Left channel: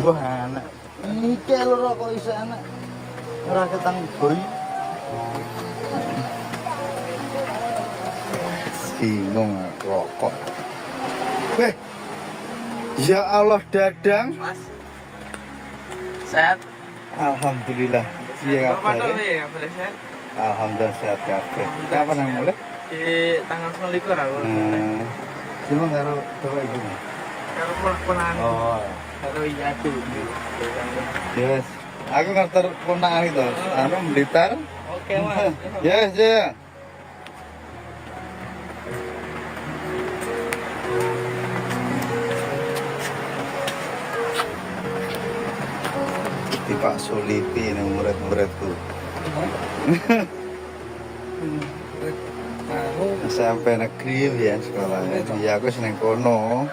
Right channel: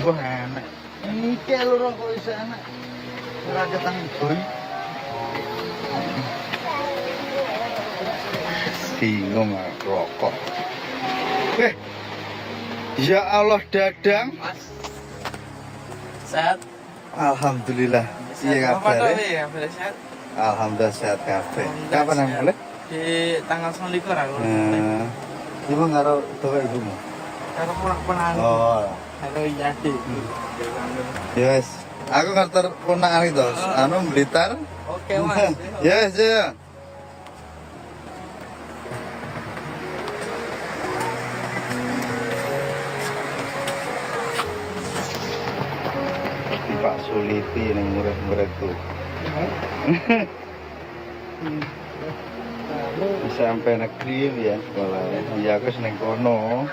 Mbah anak. Iki lho rokok isih anak. Ora ketang boy. Bingung rokok. Ya Allah Dadang. Mas. Sehat. Alhamdulillah. Iya kabar. Sehat. Alhamdulillah sehat kabeh. Kapan yang mulai? Di tanggal 29 aku. Cuma karo bapak ibu. Karo ponakan. Oh. Karo Yati. Yes. Aku ngerti ponakan itu. Anu Blitar. Oke, Mas. Yes, ya. Pak Sulipi yang murid-muridku sampai negeri ya sekolahnya ya aku seneng kono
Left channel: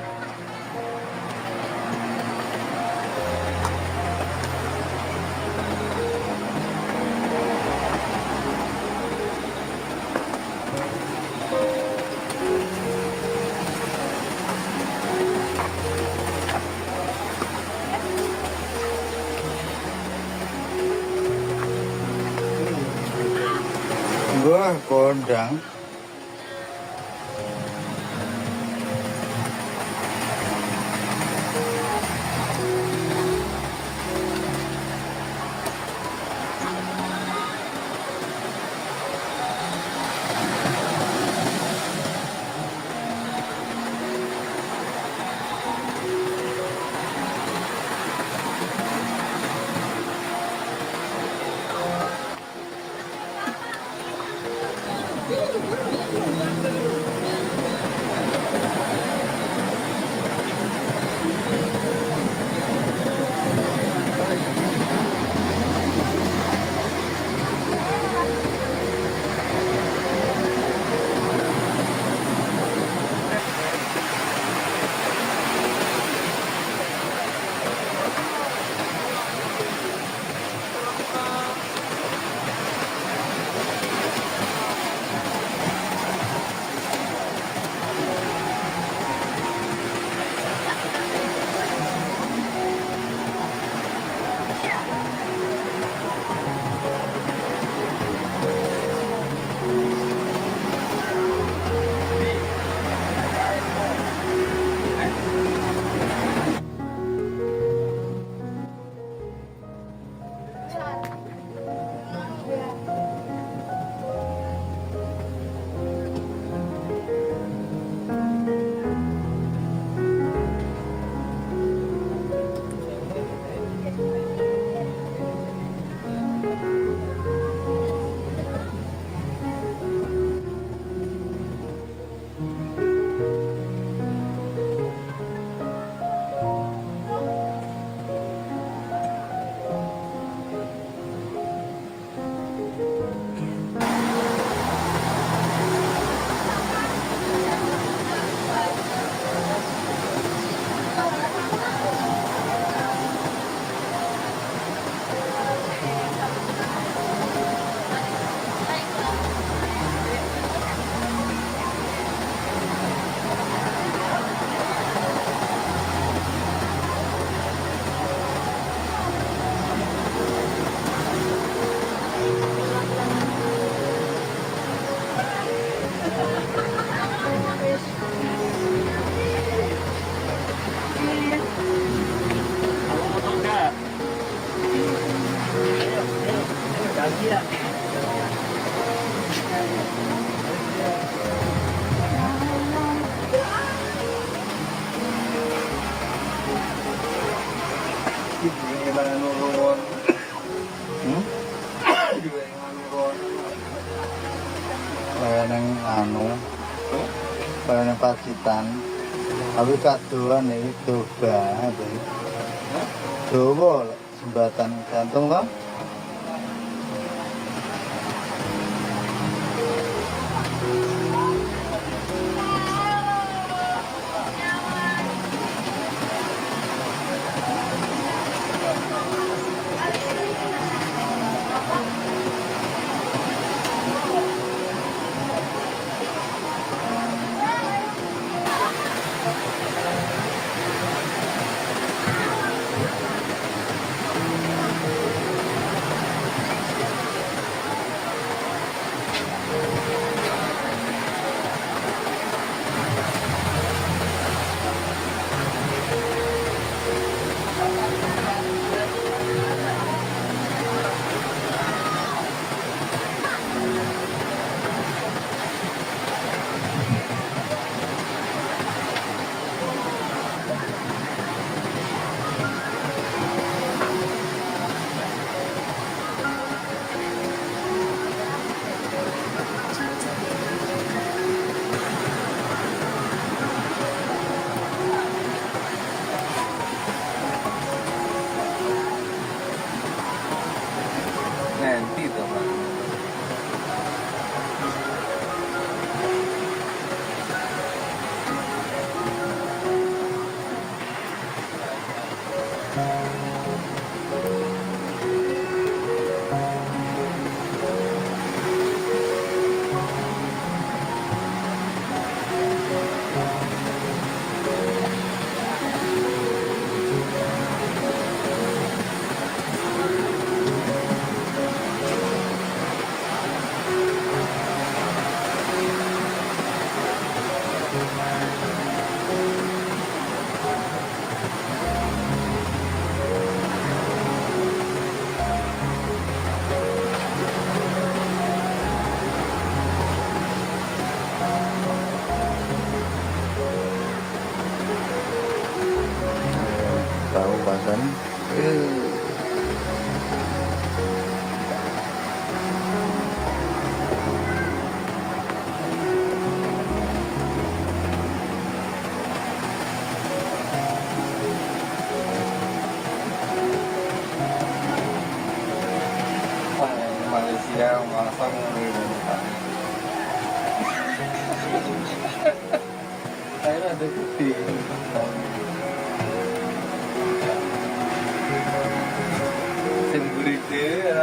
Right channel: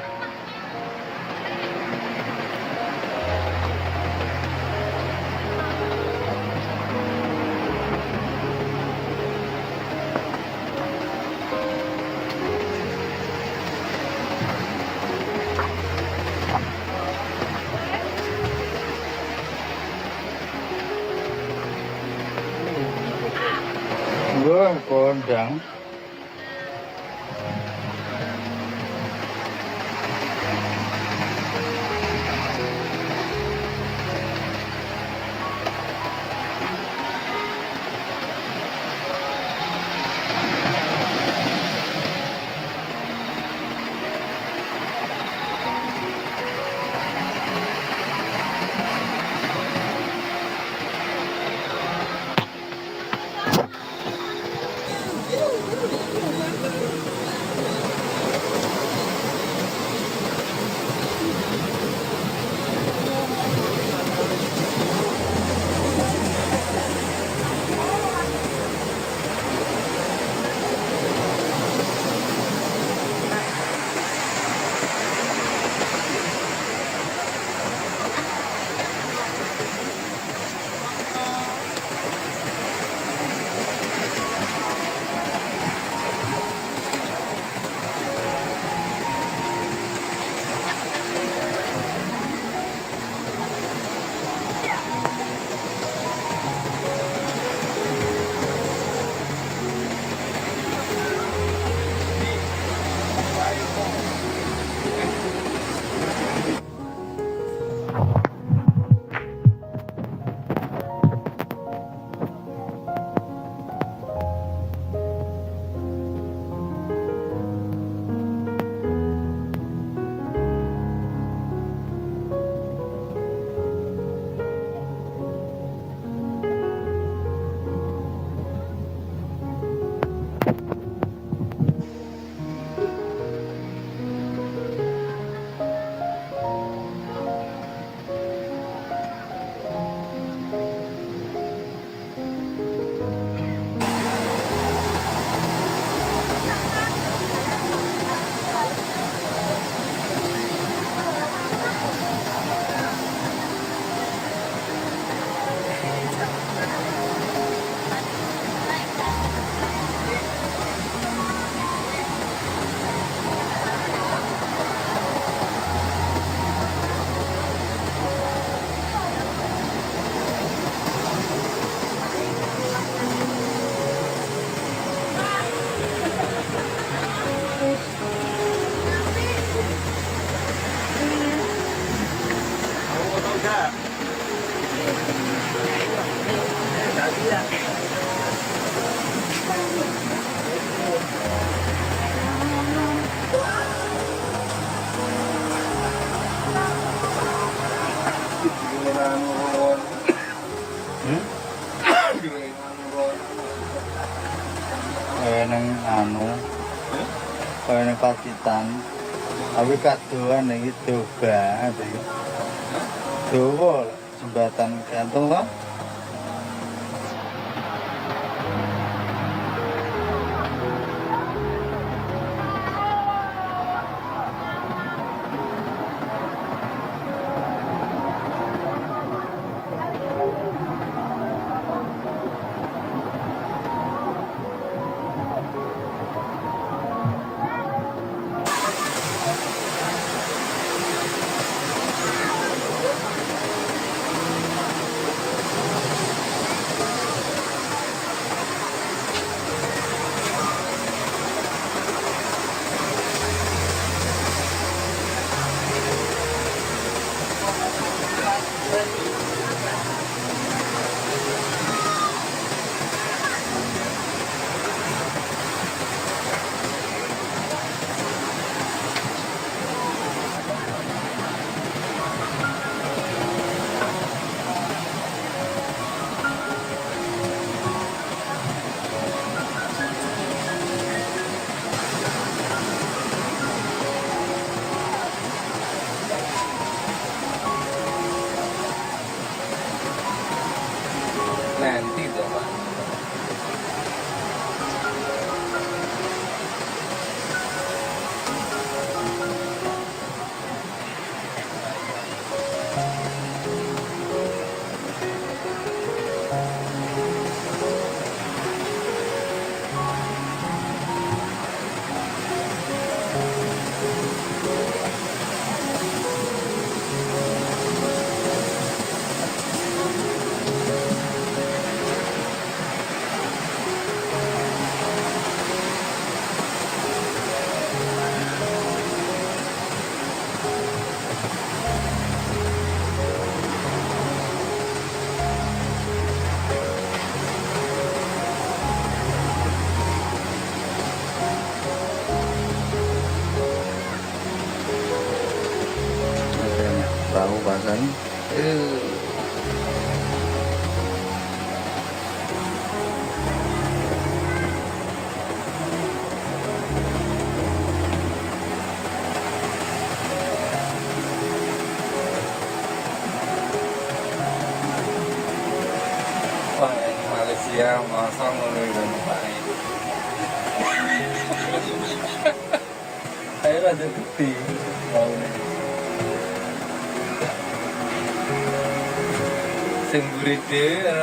Wah, kondang. Hmm? Kaya nang kaya nang Pacitan. Tapi kaduan ini coba ada. Coba jembatan gantung kan? Nanti dong. kawasan. Wah, ini Malaysia masa mau nunggu Pak. Ayo ada bukti. Semburit dia.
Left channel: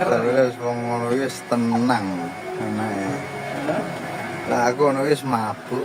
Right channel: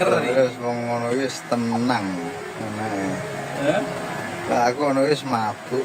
Terus wong ngono wis tenang. Hah? Lah aku ngono wis mabuk.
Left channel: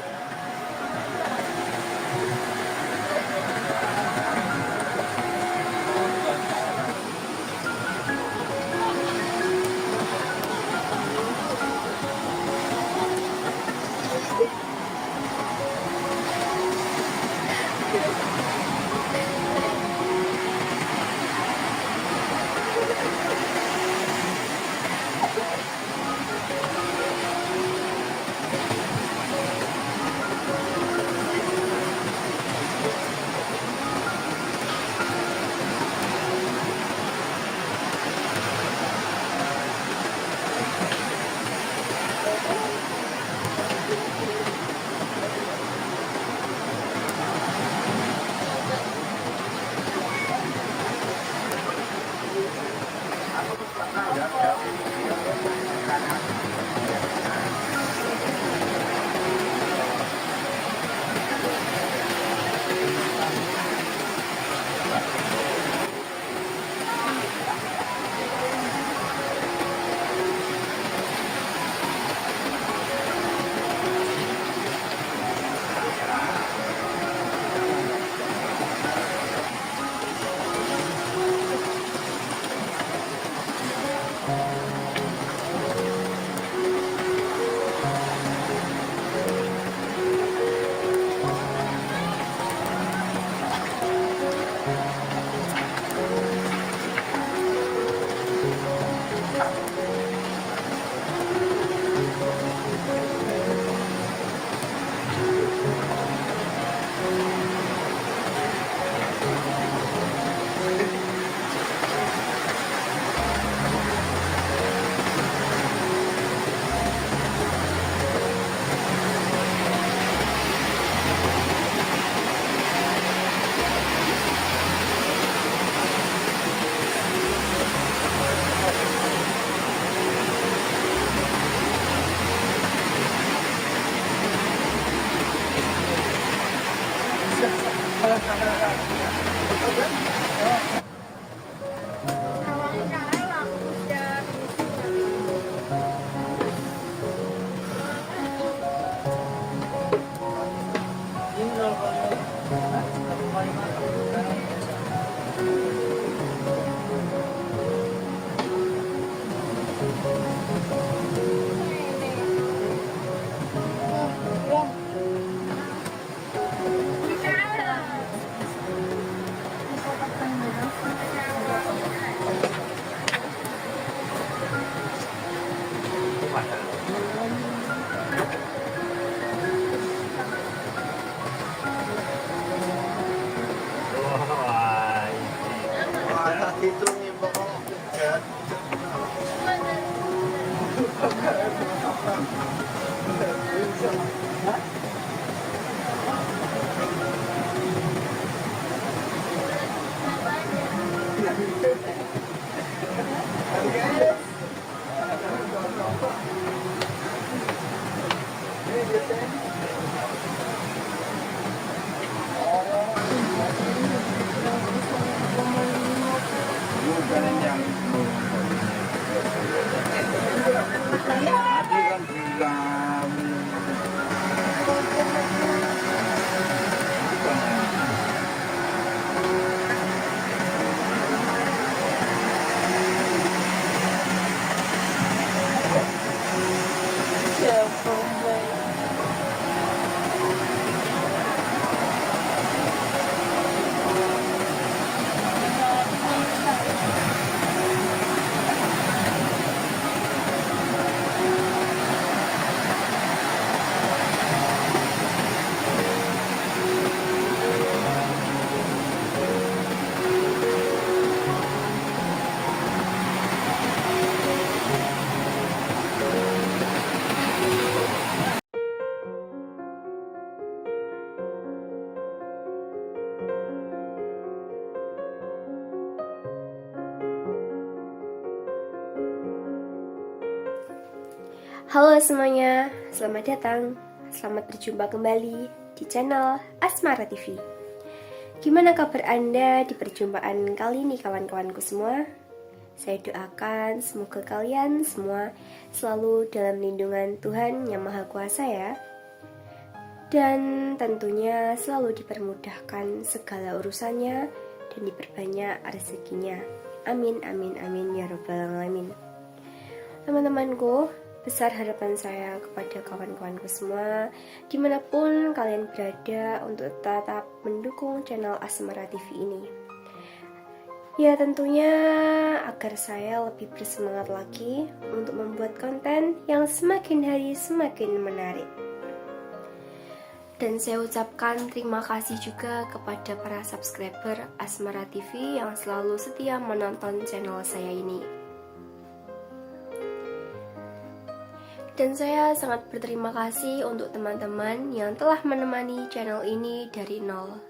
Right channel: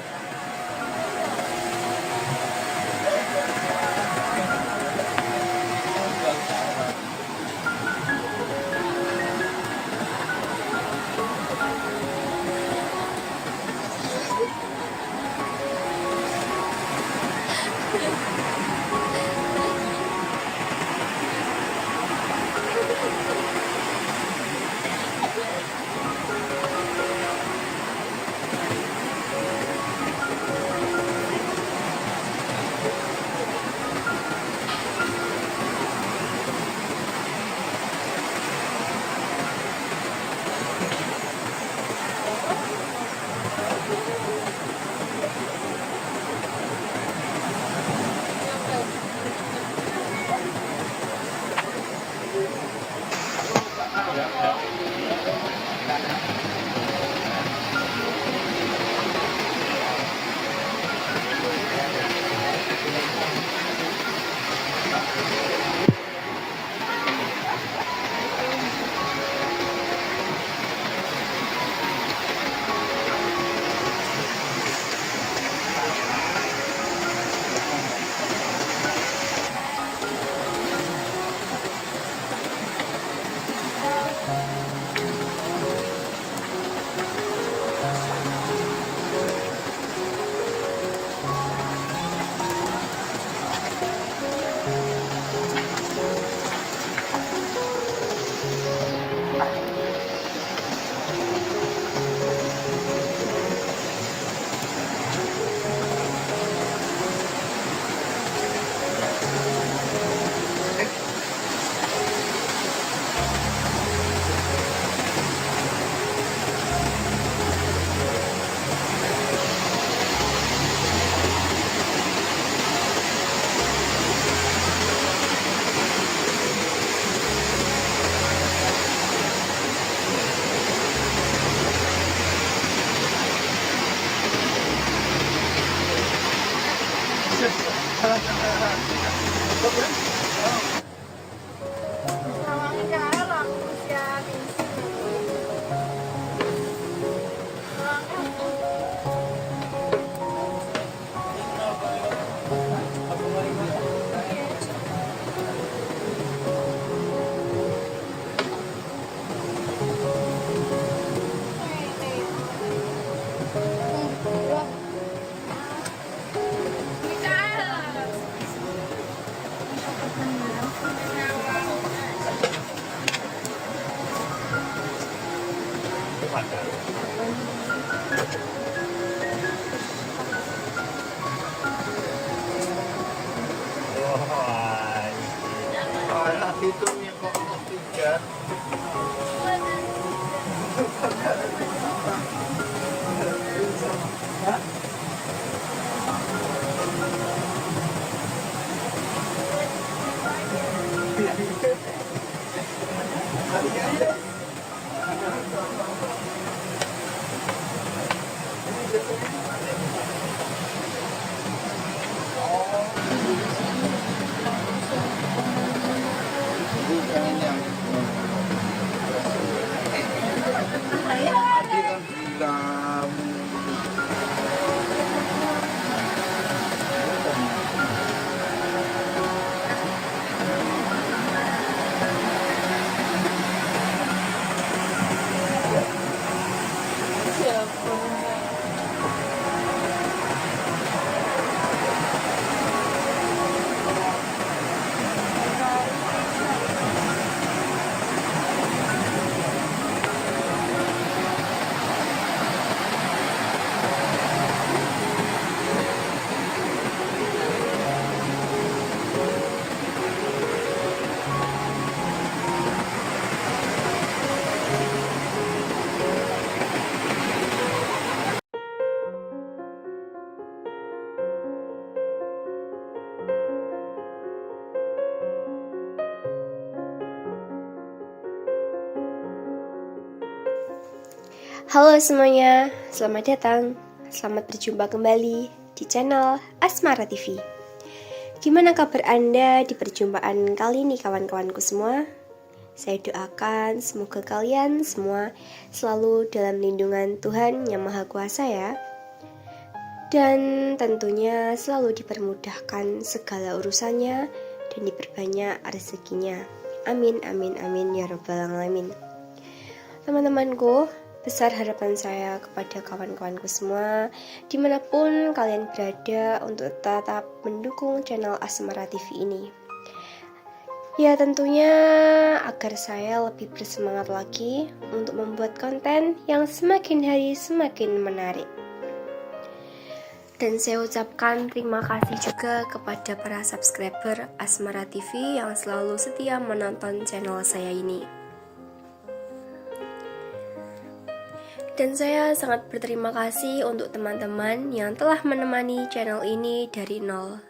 Itu nih Pak. Halo semuanya, selamat datang. Selamat berjumpa kembali di channel Asmara TV. Gimana kabar Anda di perjumpaan kali ini kawan-kawanku semua? Saya doakan semoga kalian semua selalu dalam lindungan Tuhan Yang Maha Kuasa ya. Dan tentunya selalu dipermudahkan segala urusannya dan diperbanyak rezekinya. Amin, amin, amin ya rabbal alamin. Teman-temanku, besar harapan saya kepada kawan-kawanku semua dimanapun kalian berada untuk tetap mendukung channel Asmara TV ini. Ya tentunya agar saya lebih bersemangat lagi untuk membuat konten yang semakin hari semakin menarik. Dan saya ucapkan terima kasih juga kepada para subscriber Asmara TV yang selalu setia menonton channel saya ini. Dan saya sangat berterima kasih untuk teman-teman yang telah menemani channel ini dari nol.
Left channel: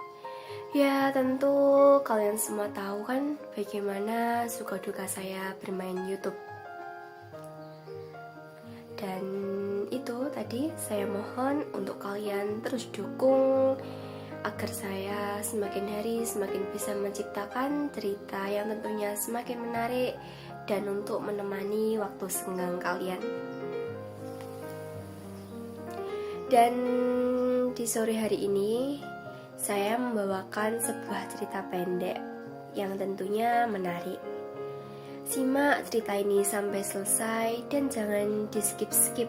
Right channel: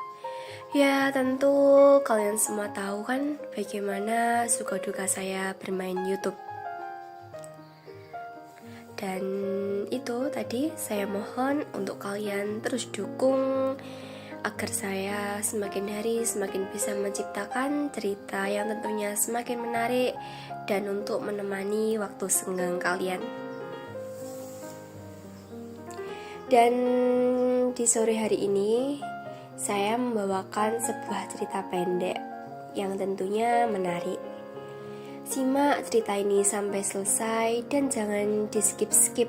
Ya tentu kalian semua tahu kan bagaimana suka duka saya bermain YouTube. Dan itu tadi saya mohon untuk kalian terus dukung agar saya semakin hari semakin bisa menciptakan cerita yang tentunya semakin menarik dan untuk menemani waktu senggang kalian. Dan di sore hari ini saya membawakan sebuah cerita pendek yang tentunya menarik. Simak cerita ini sampai selesai dan jangan di skip-skip.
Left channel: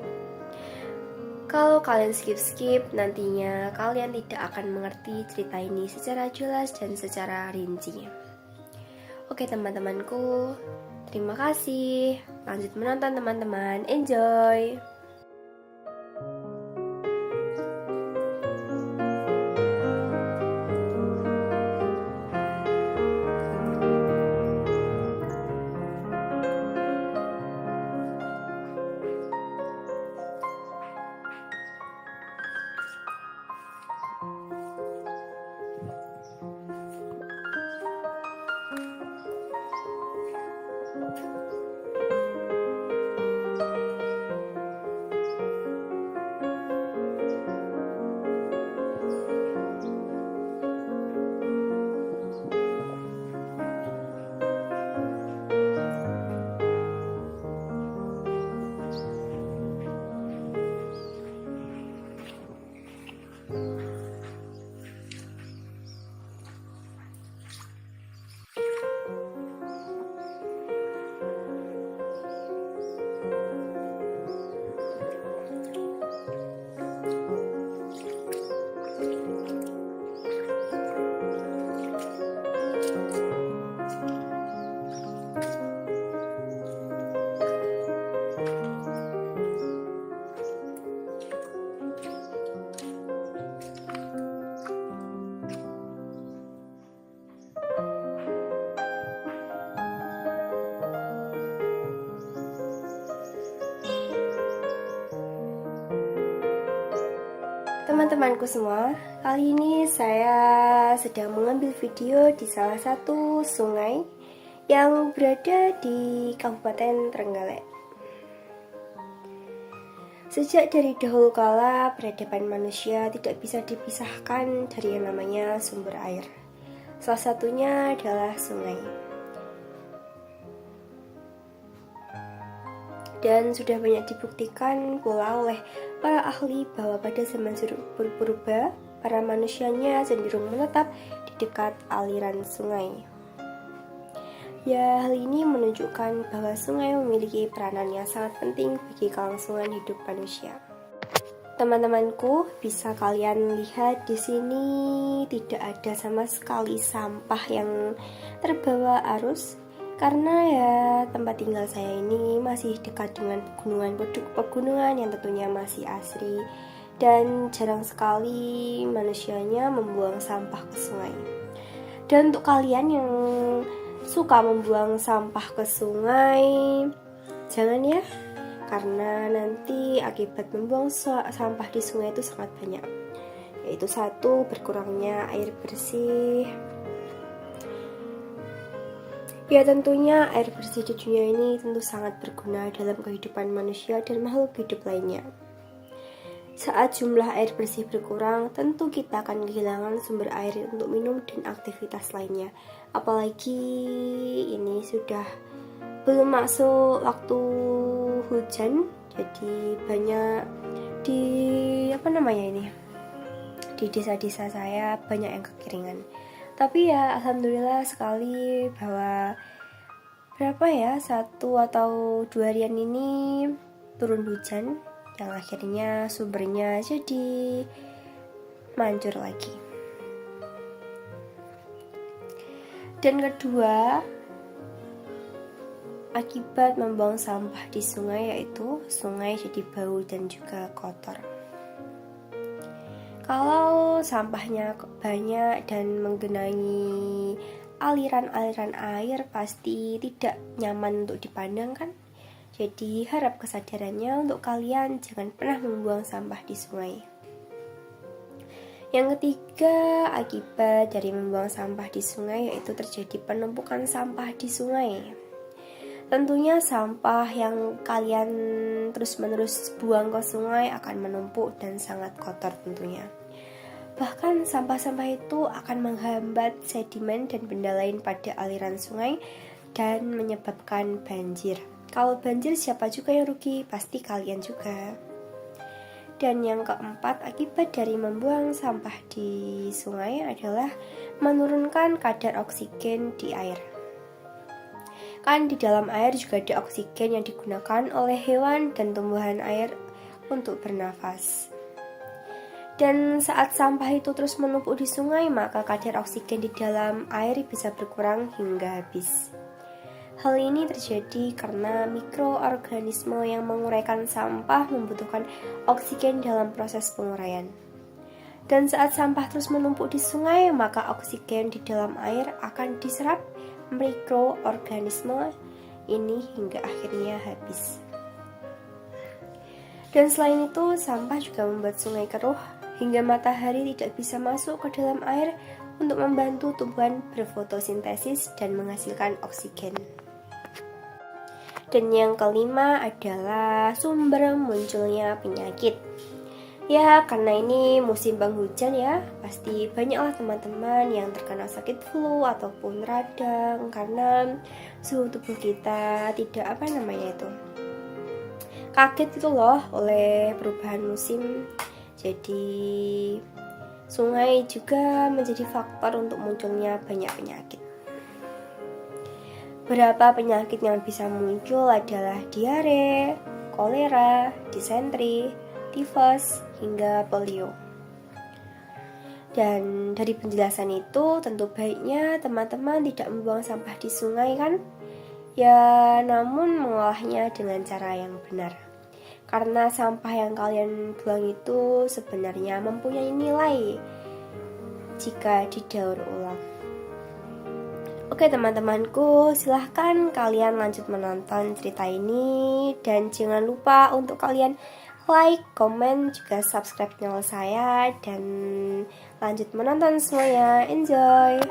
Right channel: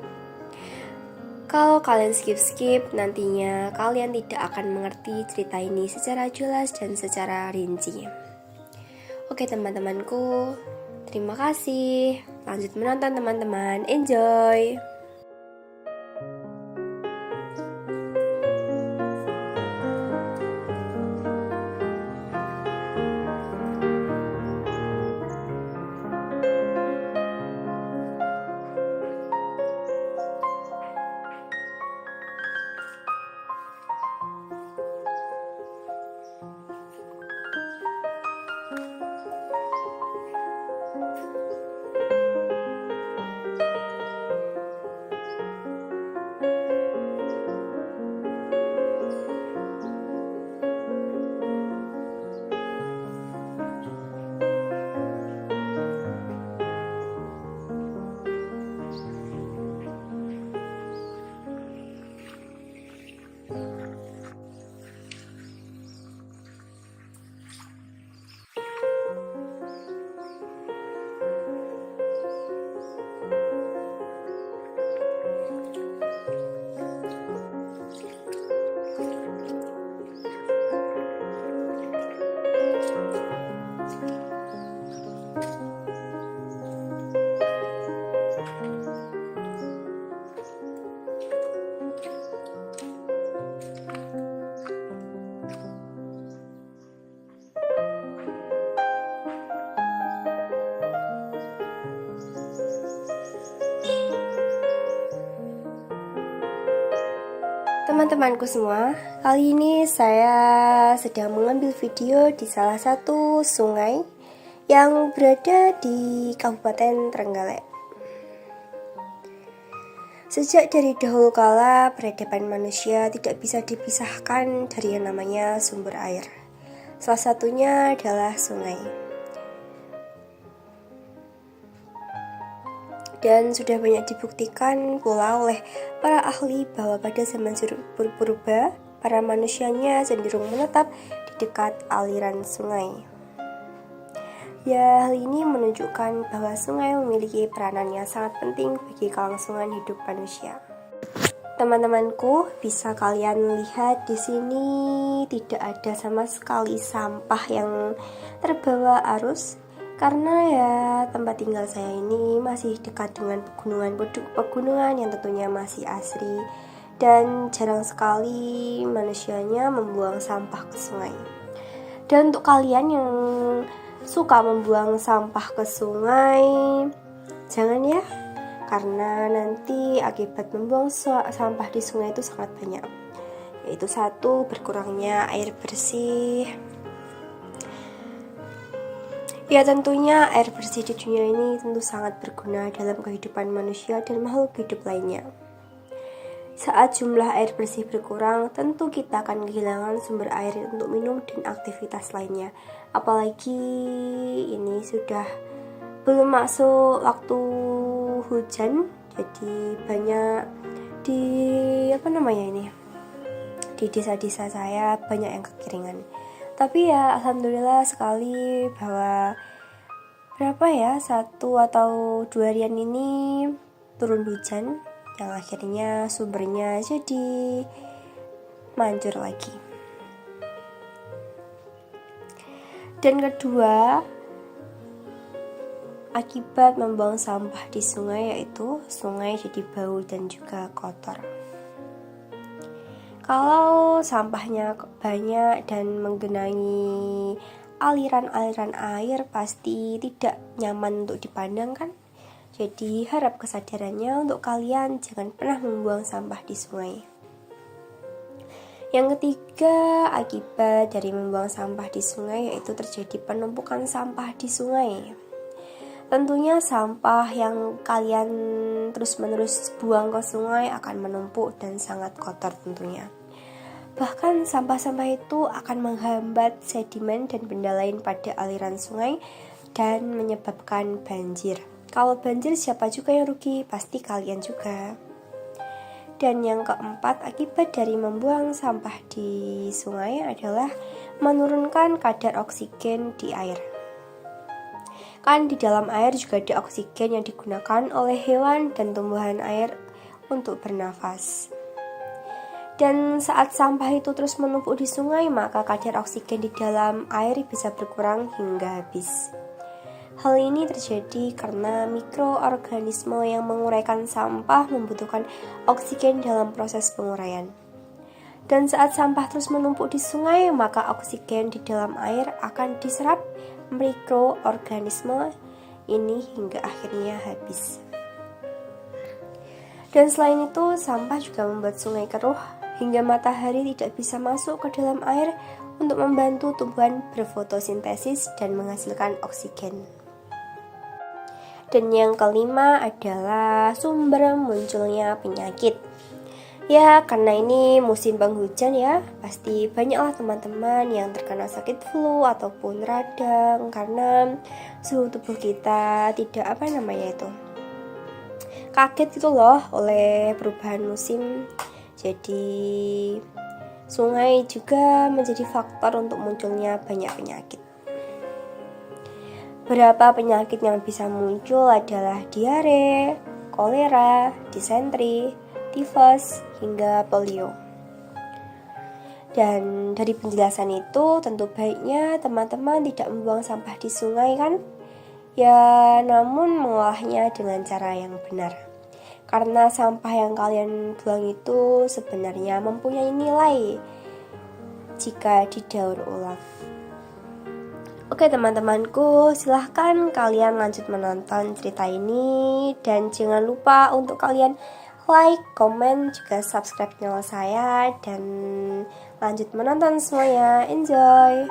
Kalau kalian skip-skip, nantinya kalian tidak akan mengerti cerita ini secara jelas dan secara rinci. Oke teman-temanku, terima kasih. Lanjut menonton teman-teman, enjoy! Teman-temanku semua, kali ini saya sedang mengambil video di salah satu sungai yang berada di Kabupaten Trenggalek. Sejak dari dahulu kala, peradaban manusia tidak bisa dipisahkan dari yang namanya sumber air. Salah satunya adalah sungai. Dan sudah banyak dibuktikan pula oleh para ahli bahwa pada zaman purba, para manusianya cenderung menetap di dekat aliran sungai. Ya, hal ini menunjukkan bahwa sungai memiliki peranan yang sangat penting bagi kelangsungan hidup manusia. Teman-temanku, bisa kalian lihat di sini tidak ada sama sekali sampah yang terbawa arus. Karena ya tempat tinggal saya ini masih dekat dengan pegunungan yang tentunya masih asri dan jarang sekali manusianya membuang sampah ke sungai. Dan untuk kalian yang suka membuang sampah ke sungai, jangan ya, karena nanti akibat membuang sampah di sungai itu sangat banyak, yaitu satu, berkurangnya air bersih. Ya tentunya air bersih di dunia ini tentu sangat berguna dalam kehidupan manusia dan makhluk hidup lainnya. Saat jumlah air bersih berkurang, tentu kita akan kehilangan sumber air untuk minum dan aktivitas lainnya. Apalagi ini sudah belum masuk waktu hujan, jadi banyak di di desa-desa saya banyak yang kekeringan. Tapi ya alhamdulillah sekali bahwa 1 atau 2 harian ini turun hujan yang akhirnya sumbernya jadi mancur lagi. Dan kedua, akibat membuang sampah di sungai yaitu sungai jadi bau dan juga kotor. Kalau sampahnya banyak dan menggenangi aliran-aliran air pasti tidak nyaman untuk dipandang kan? Jadi harap kesadarannya untuk kalian jangan pernah membuang sampah di sungai. Yang ketiga, akibat dari membuang sampah di sungai yaitu terjadi penumpukan sampah di sungai. Tentunya sampah yang kalian terus-menerus buang ke sungai akan menumpuk dan sangat kotor tentunya. Bahkan sampah-sampah itu akan menghambat sedimen dan benda lain pada aliran sungai dan menyebabkan banjir. Kalau banjir siapa juga yang rugi? Pasti kalian juga. Dan yang keempat, akibat dari membuang sampah di sungai adalah menurunkan kadar oksigen di air. Kan di dalam air juga ada oksigen yang digunakan oleh hewan dan tumbuhan air untuk bernafas. Dan saat sampah itu terus menumpuk di sungai, maka kadar oksigen di dalam air bisa berkurang hingga habis. Hal ini terjadi karena mikroorganisme yang menguraikan sampah membutuhkan oksigen dalam proses penguraian. Dan saat sampah terus menumpuk di sungai, maka oksigen di dalam air akan diserap mikroorganisme ini hingga akhirnya habis. Dan selain itu, sampah juga membuat sungai keruh hingga matahari tidak bisa masuk ke dalam air untuk membantu tumbuhan berfotosintesis dan menghasilkan oksigen. Dan yang kelima adalah sumber munculnya penyakit. Ya, karena ini musim penghujan ya, pasti banyaklah teman-teman yang terkena sakit flu ataupun radang karena suhu tubuh kita tidak kaget gitu loh oleh perubahan musim. Jadi sungai juga menjadi faktor untuk munculnya banyak penyakit. Beberapa penyakit yang bisa muncul adalah diare, kolera, disentri, tifus, hingga polio. Dan dari penjelasan itu tentu baiknya teman-teman tidak membuang sampah di sungai kan? Ya, namun mengolahnya dengan cara yang benar. Karena sampah yang kalian buang itu sebenarnya mempunyai nilai jika didaur ulang. Oke teman-temanku, silahkan kalian lanjut menonton cerita ini dan jangan lupa untuk kalian like, komen, juga subscribe channel saya dan lanjut menonton semuanya. Enjoy!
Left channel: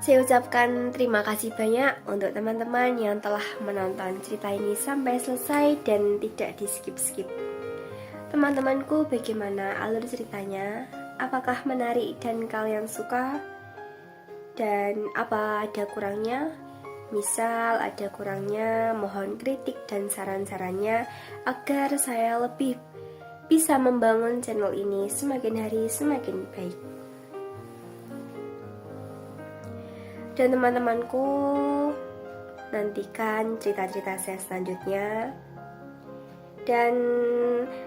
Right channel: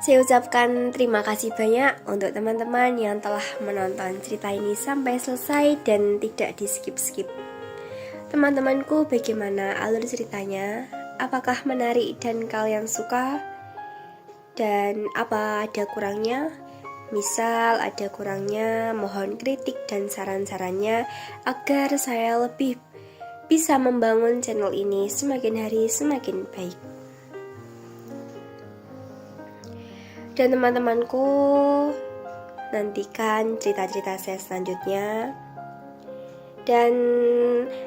Saya ucapkan terima kasih banyak untuk teman-teman yang telah menonton cerita ini sampai selesai dan tidak di skip-skip. Teman-temanku, bagaimana alur ceritanya? Apakah menarik dan kalian suka? Dan apa ada kurangnya? Misal ada kurangnya, mohon kritik dan saran-sarannya agar saya lebih bisa membangun channel ini semakin hari semakin baik. Dan teman-temanku, nantikan cerita-cerita saya selanjutnya. Dan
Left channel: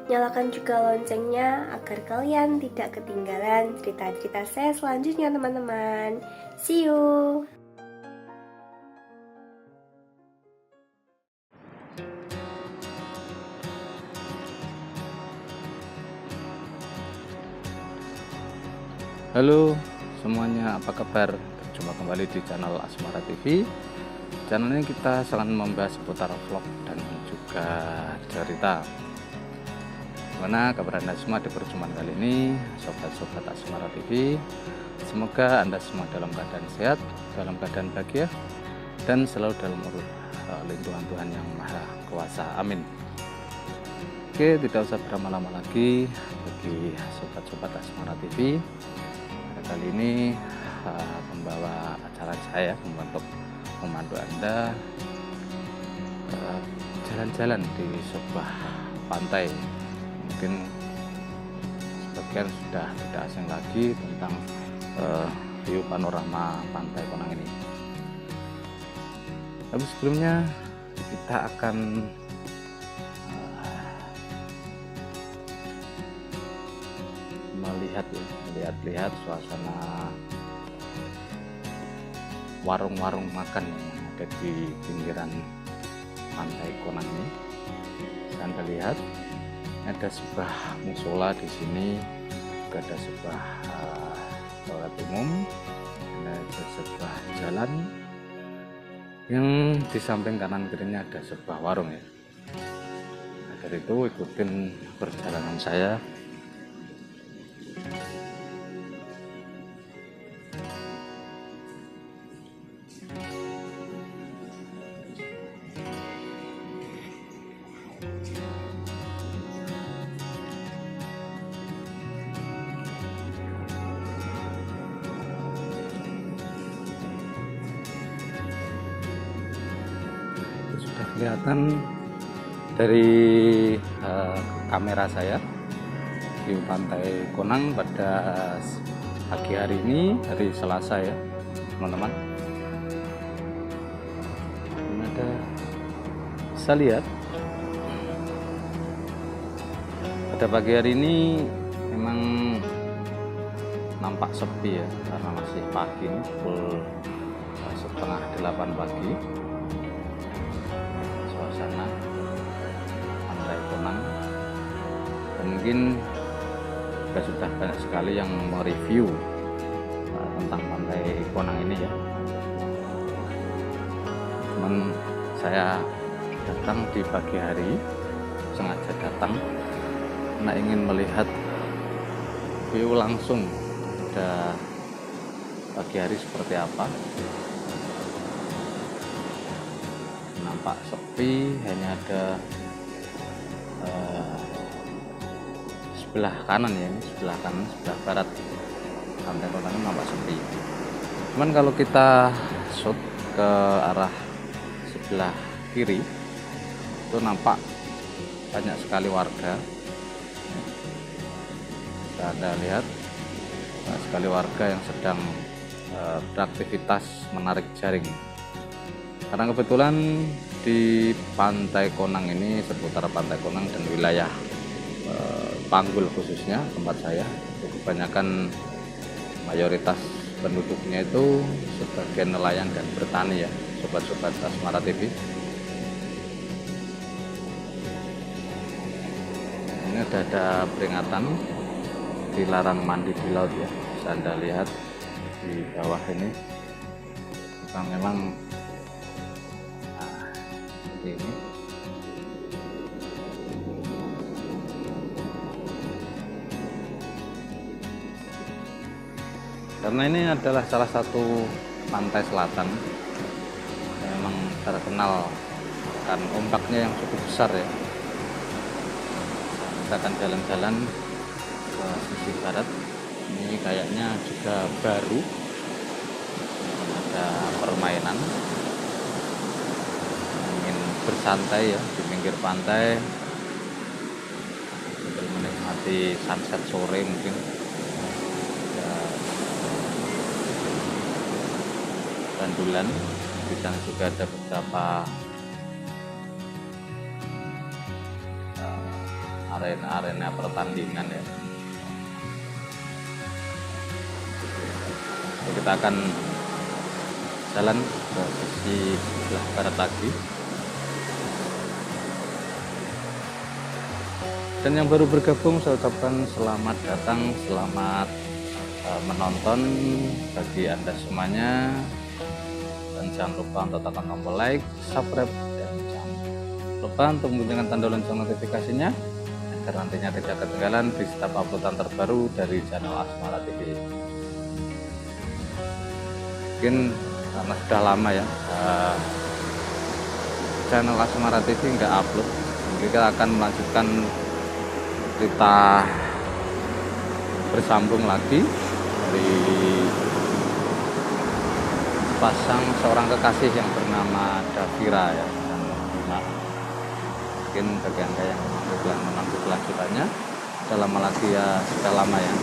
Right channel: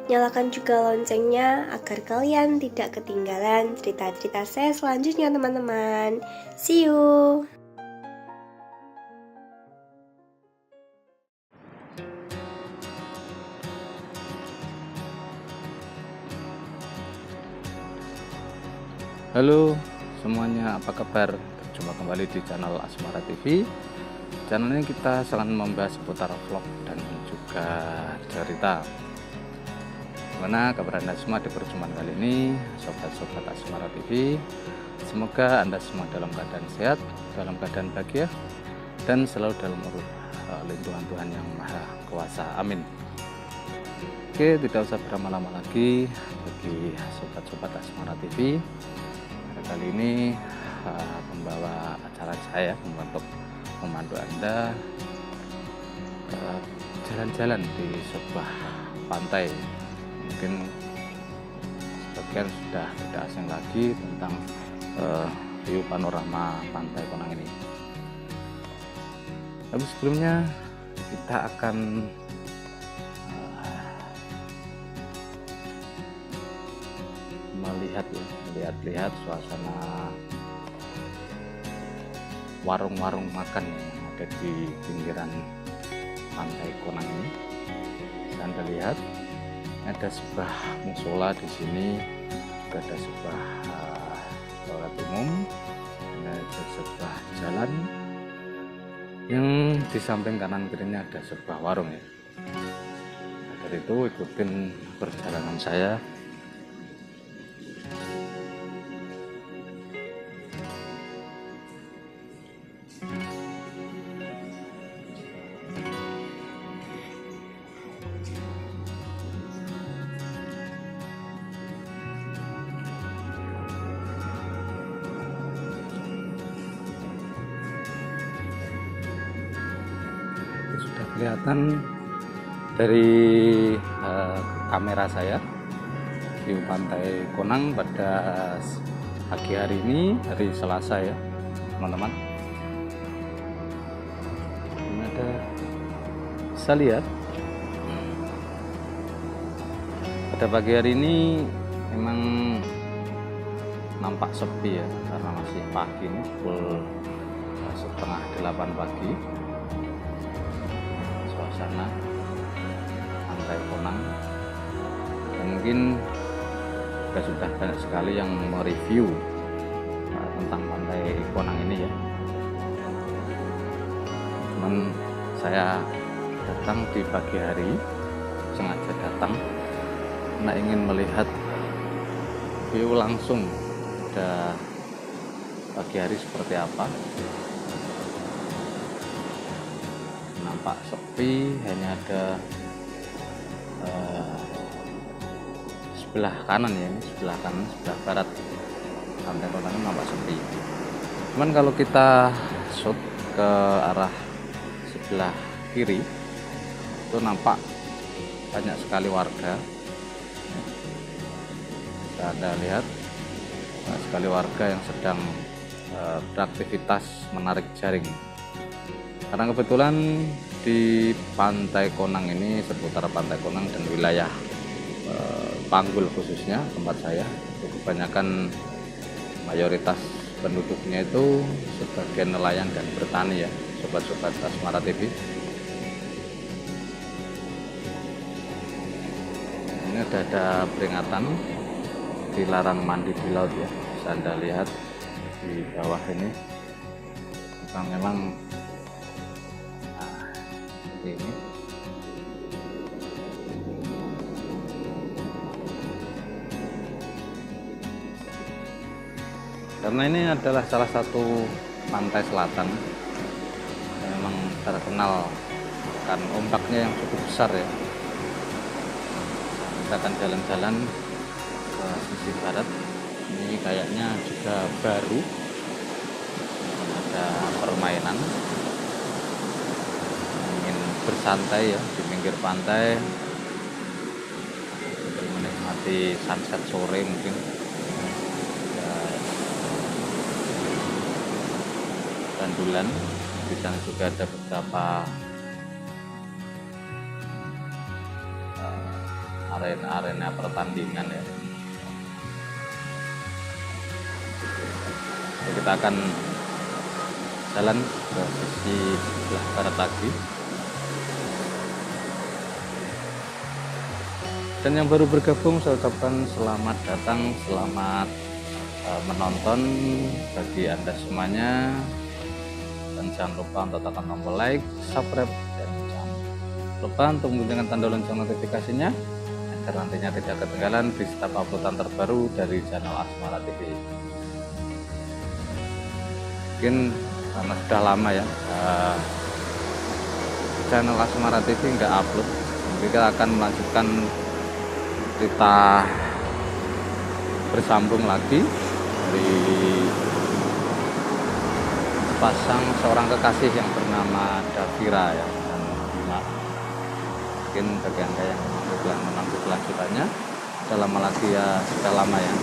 nyalakan juga loncengnya agar kalian tidak ketinggalan cerita-cerita saya selanjutnya, teman-teman. See you! Halo semuanya, apa kabar? Berjumpa kembali di channel Asmara TV. Channel ini kita selalu membahas seputar vlog dan juga cerita. Gimana kabar Anda semua di perjumpaan kali ini, sobat-sobat Asmara TV? Semoga Anda semua dalam keadaan sehat, dalam keadaan bahagia, dan selalu dalam lindungan Tuhan Yang Maha Kuasa. Amin. Oke, tidak usah berlama-lama lagi bagi sobat-sobat Asmara TV. Kali ini pembawa acara saya untuk memandu Anda jalan-jalan di sebuah pantai. Mungkin sebagian sudah tidak asing lagi tentang view panorama pantai Konang ini. Tapi sebelumnya kita akan melihat suasana warung-warung makan yang ada di pinggiran pantai Konang ini. Anda lihat ada sebuah musola di sini, juga ada sebuah toilet umum, ada sebuah jalan yang di samping kanan kirinya ada sebuah warung ya. Nah, dari itu ikutin perjalanan saya. Sudah kelihatan dari kamera saya di pantai Konang pada pagi hari ini, hari Selasa ya teman-teman. Ini ada, bisa lihat pada pagi hari ini memang nampak sepi ya, karena masih pagi ini, pukul setengah 8 pagi. Suasana pantai Konang, dan mungkin sudah banyak sekali yang mereview tentang pantai Konang ini ya. Cuman saya datang di pagi hari, sengaja datang karena ingin melihat view langsung pada pagi hari seperti apa. Nampak sepi, hanya ada sebelah kanan ya, ini sebelah kanan, sebelah barat pantai Konang nampak sepi. Cuman kalau kita shoot ke arah sebelah kiri itu nampak banyak sekali warga. Bisa Anda lihat banyak sekali warga yang sedang beraktivitas menarik jaring. Karena kebetulan di pantai Konang ini, seputar pantai Konang dan wilayah Panggul khususnya tempat saya, itu kebanyakan mayoritas penduduknya itu sebagai nelayan dan bertani ya, sobat-sobat Asmara TV. Ini ada peringatan dilarang mandi di laut ya, bisa Anda lihat di bawah ini. Memang seperti ini. Karena ini adalah salah satu pantai selatan. Memang terkenal kan ombaknya yang cukup besar ya. Kita akan jalan-jalan ke sisi barat. Ini kayaknya juga baru, ada permainan, ingin bersantai ya di pinggir pantai sambil menikmati sunset sore mungkin. Gandulan, di sana juga ada beberapa arena pertandingan ya. Jadi kita akan jalan ke sisi sebelah barat lagi. Dan yang baru bergabung saya ucapkan selamat datang, selamat menonton bagi Anda semuanya. Dan jangan lupa untuk tekan tombol like, subscribe, dan jangan lupa untuk bunyikan tanda lonceng notifikasinya agar nantinya tidak ketinggalan di setiap uploadan terbaru dari channel Asmara TV. Mungkin karena sudah lama ya channel Asmara TV nggak upload, jadi kita akan melanjutkan cerita bersambung lagi dari pasang seorang kekasih yang bernama Davira ya, dan Bima. Mungkin bagi Anda yang menanti kelanjutannya, sudah lama lagi ya, sudah lama ya,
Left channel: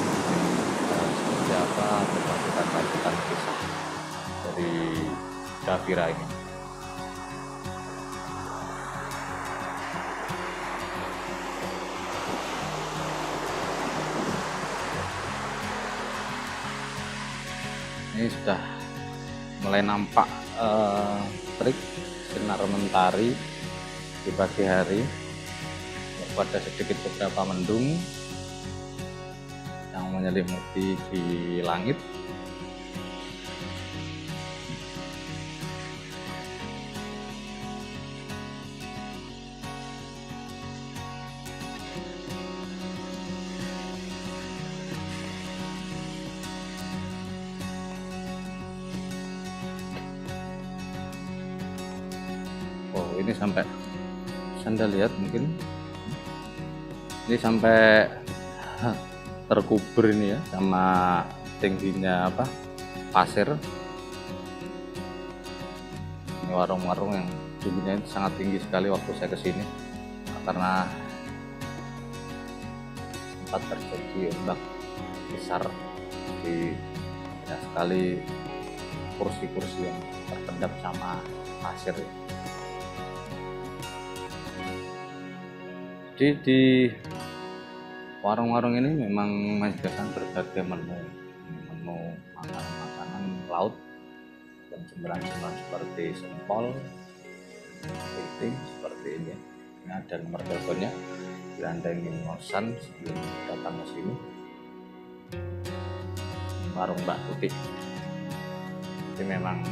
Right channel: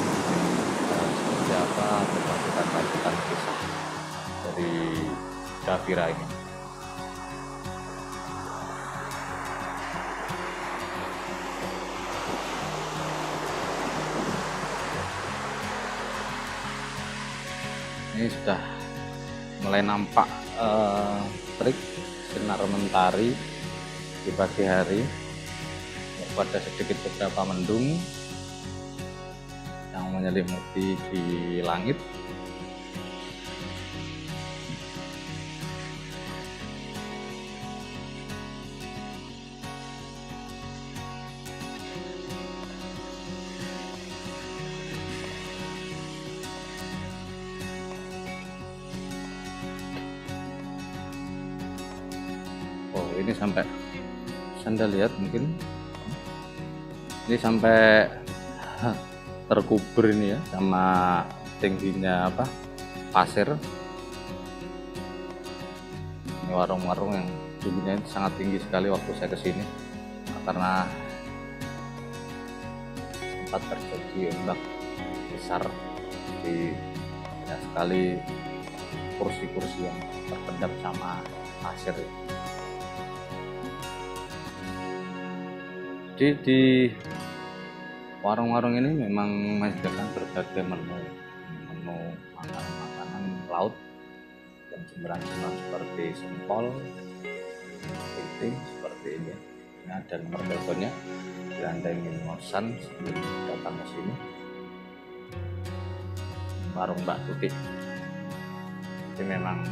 seperti apa kelanjutan kisah dari Davira ini. Ini sudah mulai nampak terik sinar mentari di pagi hari. Ada sedikit beberapa mendung yang menyelimuti di langit. Ini sampai Anda lihat mungkin ini sampai terkubur ini ya, sama tingginya pasir. Ini warung-warung yang dulunya sangat tinggi sekali waktu saya kesini, karena sempat terjadi ombak besar di banyak sekali kursi-kursi yang terpendam sama pasir. Jadi di warung-warung ini memang menyediakan berbagai menu makanan laut dan cemilan-cemilan seperti sempol, kepiting seperti ini. Ini ada nomor teleponnya bila Anda ingin memesan sebelum datang ke sini. Warung Mbak Tuti. Jadi memang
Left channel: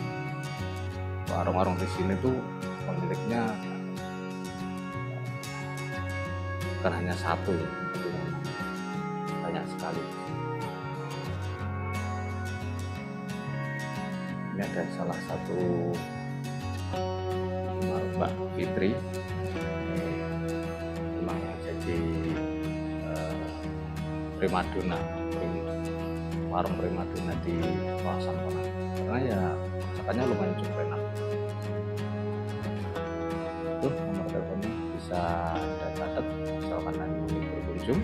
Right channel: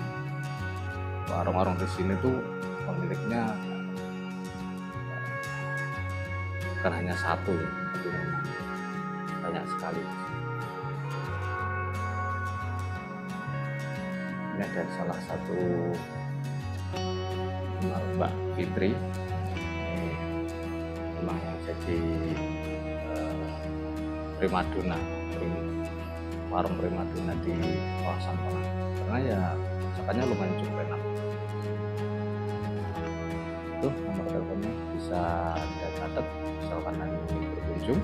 warung-warung di sini tuh pemiliknya bukan hanya satu ya, tapi banyak sekali. Ini ada salah satu Mbak Fitri, ini memang yang jadi primadona, warung primadona di kawasan Ponang, karena ya masakannya lumayan cukup enak. Itu nomor teleponnya bisa Anda catat misalkan Anda ingin berkunjung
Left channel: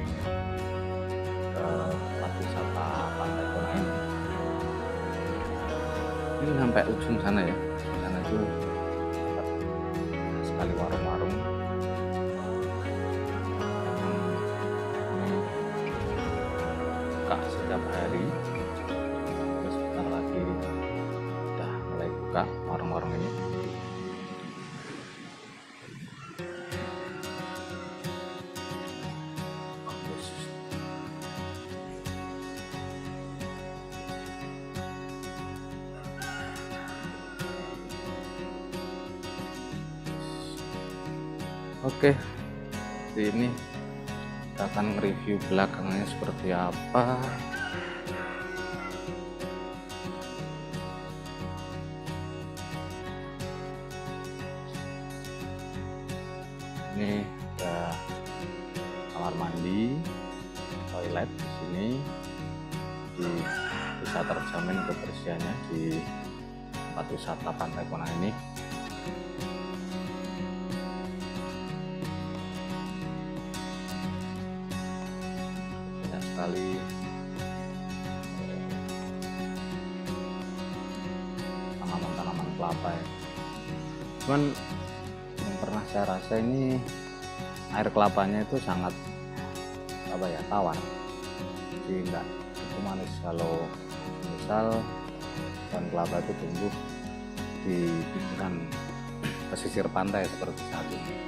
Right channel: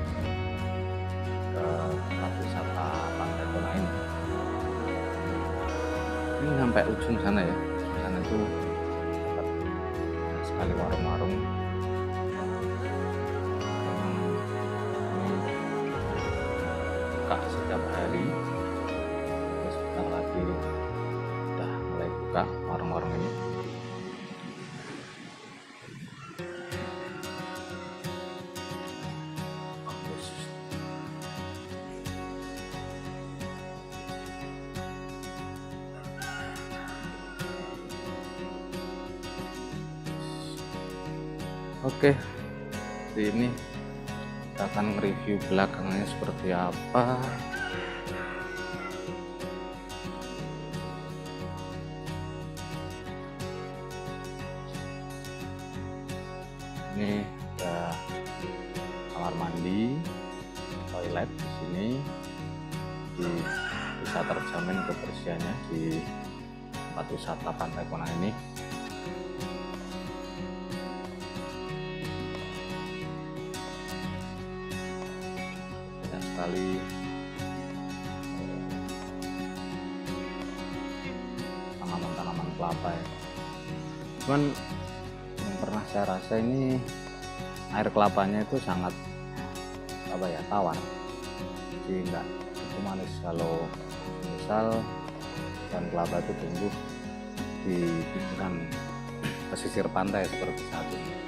ke tempat wisata Pantai Ponang ini. Ini sampai ujung sana ya, ujung sana itu dapat sekali warung-warung. Ini buka setiap hari, terus sebentar lagi udah mulai buka warung-warung ini. Oke, di ini kita akan review belakangnya seperti apa. ini bisa terjamin kebersihannya di tempat wisata Pantai Konang ini. Banyak sekali tanaman-tanaman kelapa ya. Cuman yang pernah saya rasa ini air kelapanya itu sangat tawar, jadi enggak itu manis. Kalau misal pohon kelapa itu tumbuh di pinggiran pesisir pantai seperti saat ini.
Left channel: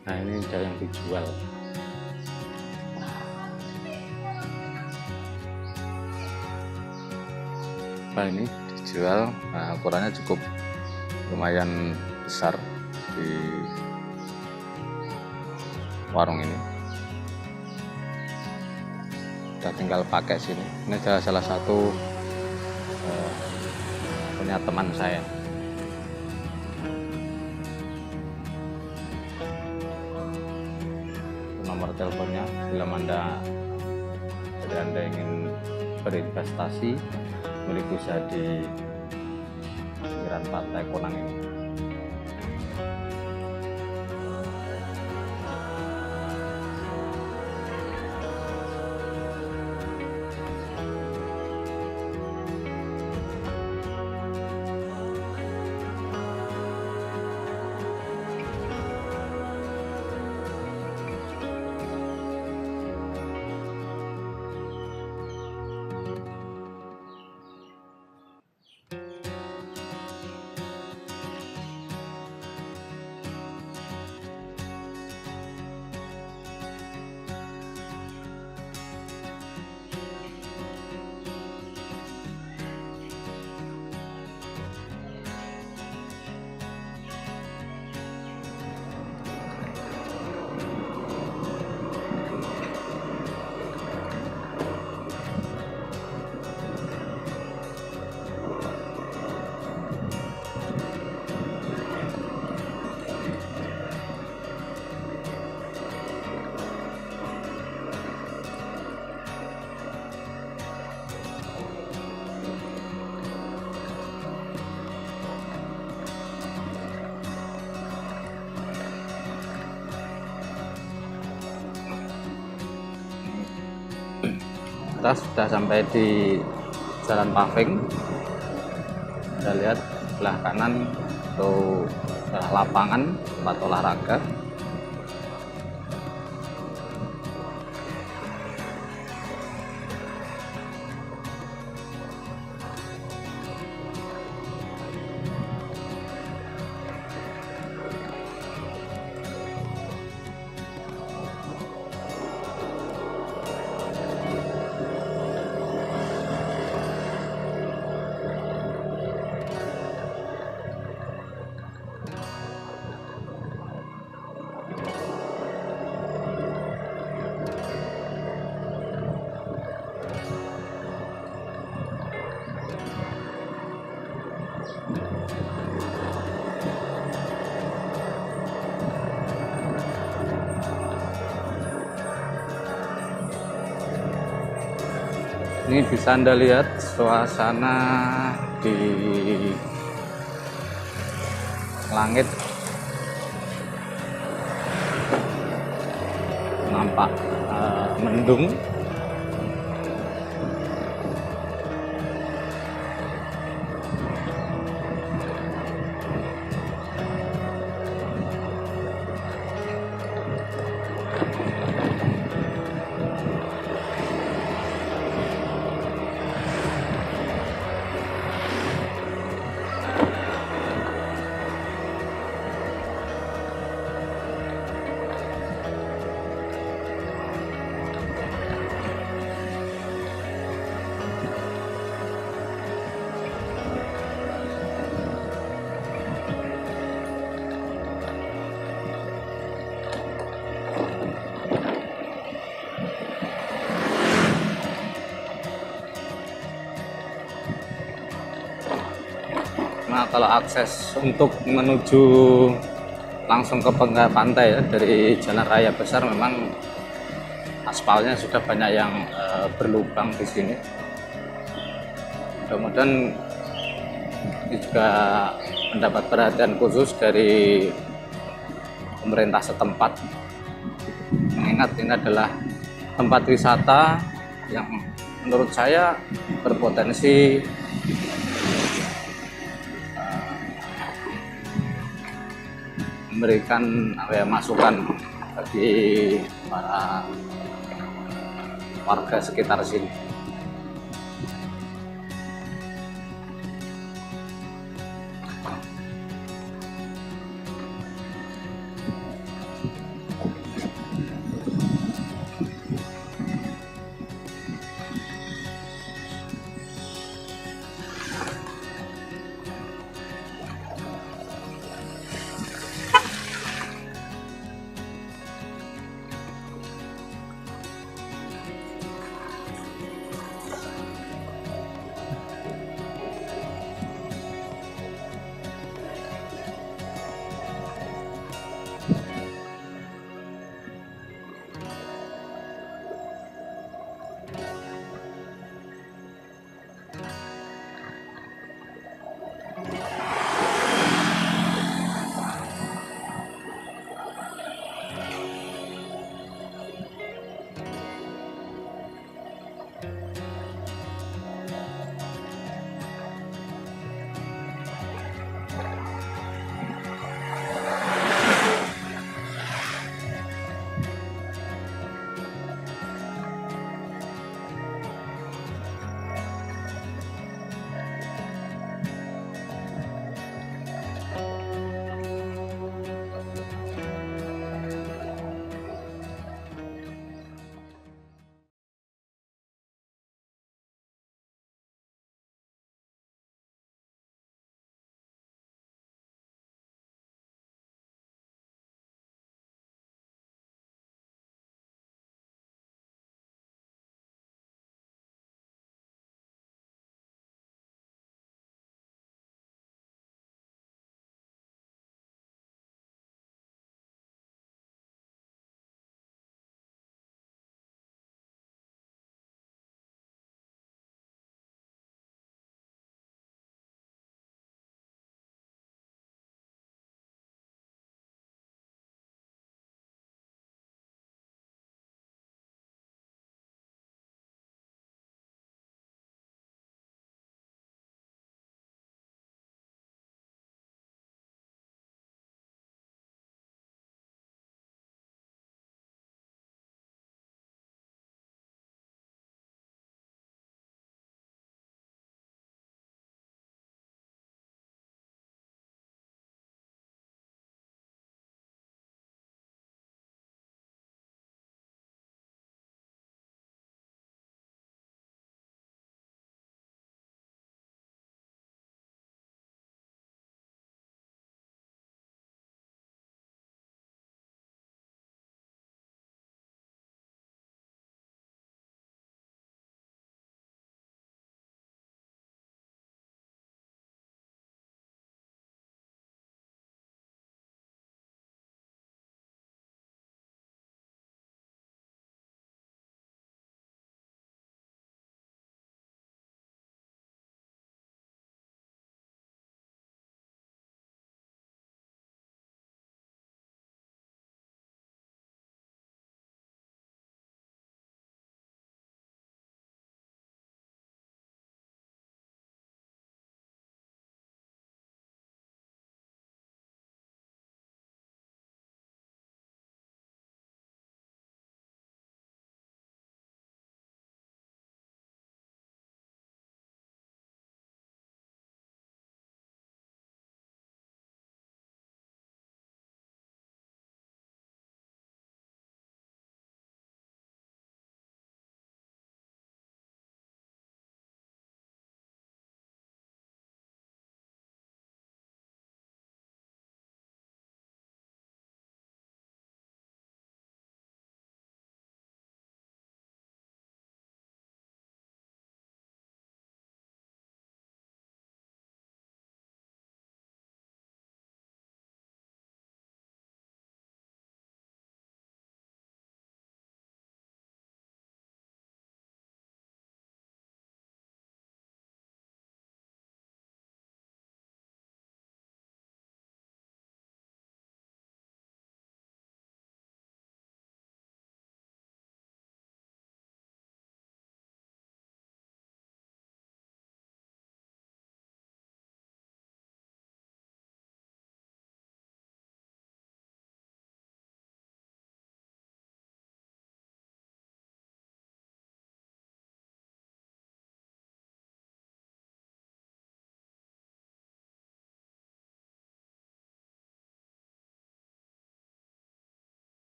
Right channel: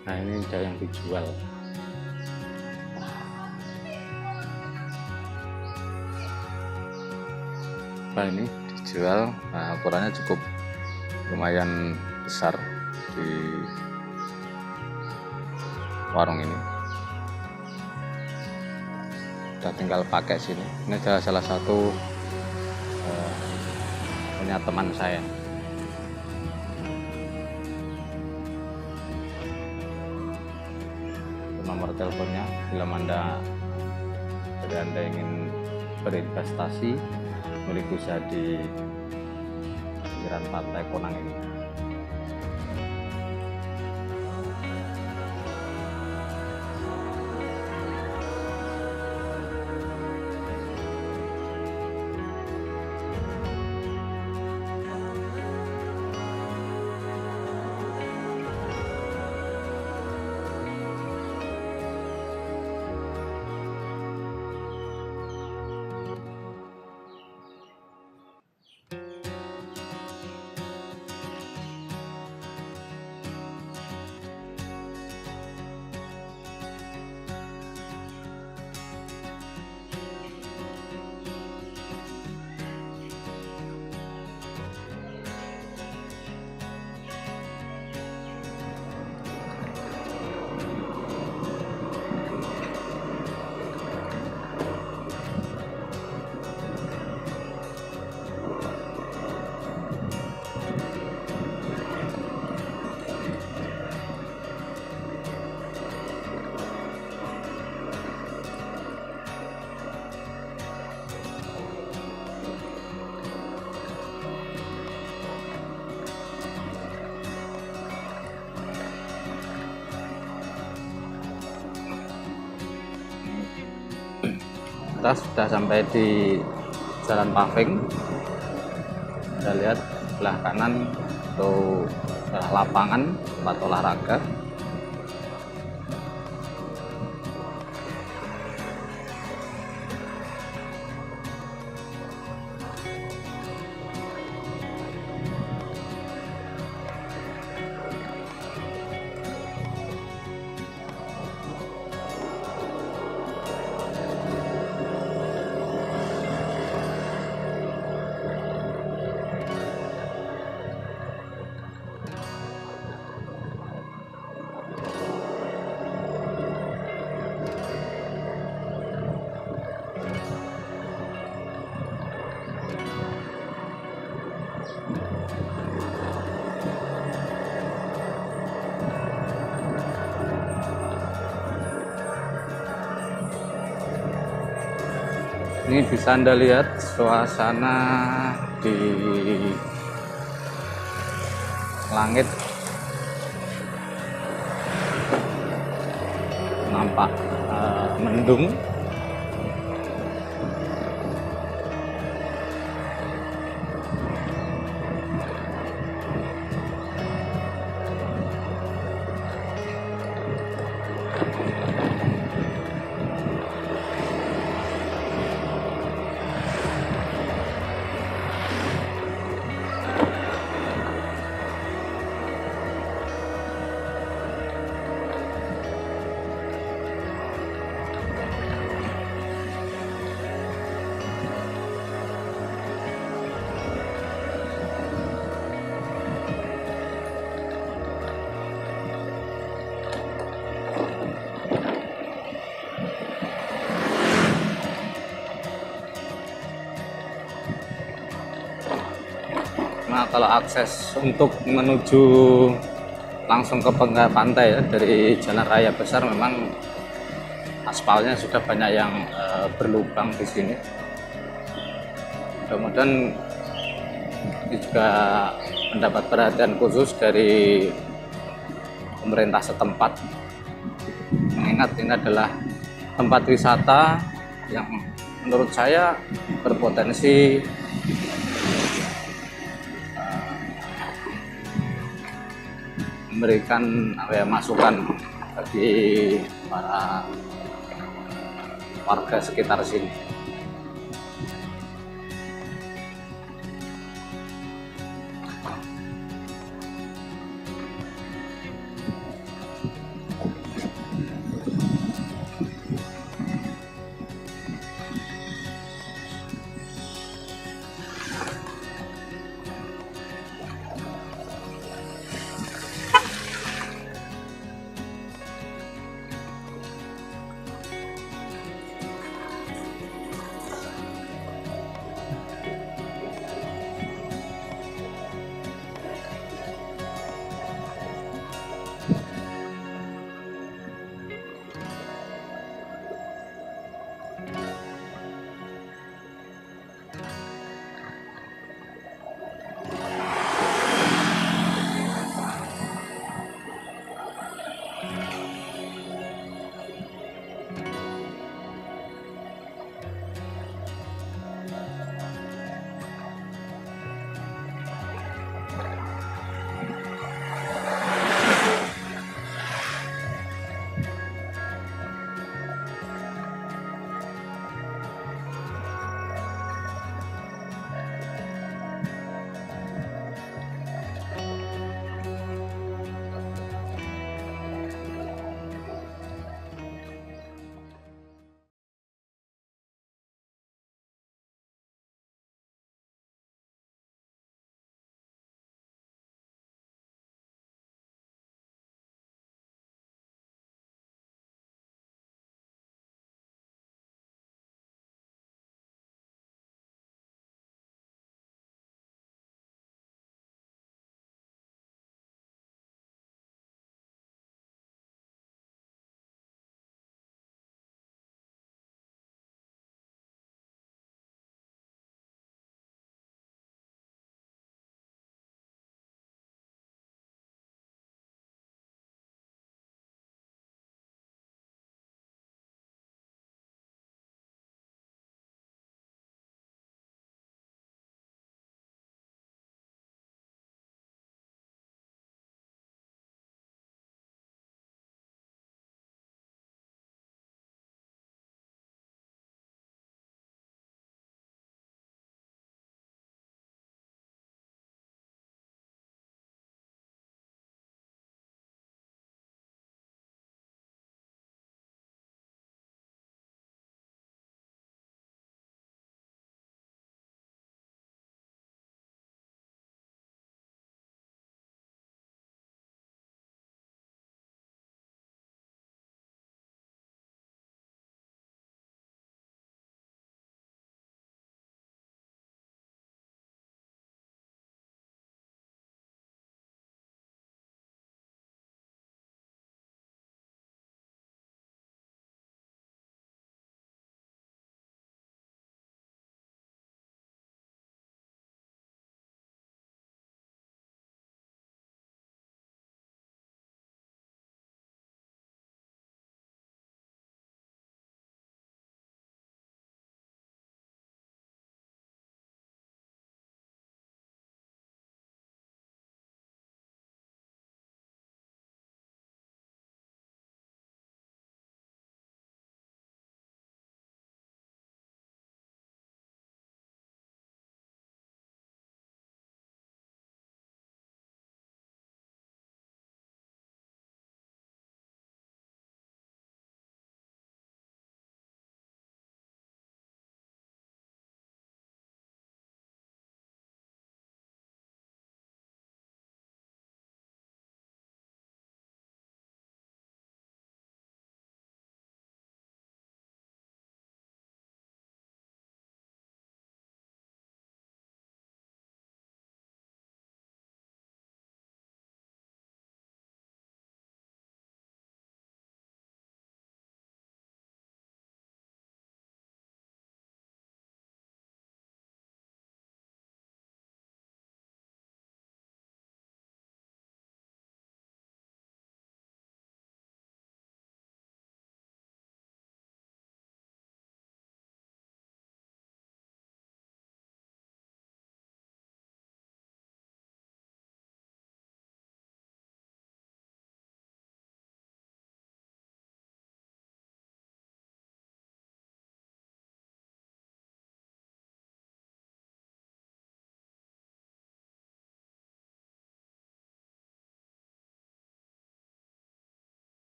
Nah, ini ada yang dijual. Nah, ini dijual. Nah, ukurannya cukup lumayan besar di warung ini. Udah tinggal pakai sini. Ini adalah salah satu punya teman saya. Nomor teleponnya bila Anda ingin berinvestasi milik usaha di pinggiran Pantai Konang ini. Kita sudah sampai di jalan paving. Kita lihat sebelah kanan itu lapangan tempat olahraga. Ini bisa Anda lihat suasana di langit, nampak mendung. Karena kalau akses untuk menuju langsung ke pantai ya, dari jalan raya besar memang aspalnya sudah banyak yang berlubang di sini. Mudah-mudahan ini juga mendapat perhatian khusus dari pemerintah setempat, mengingat ini adalah tempat wisata yang menurut saya berpotensi memberikan masukan bagi para warga sekitar sini.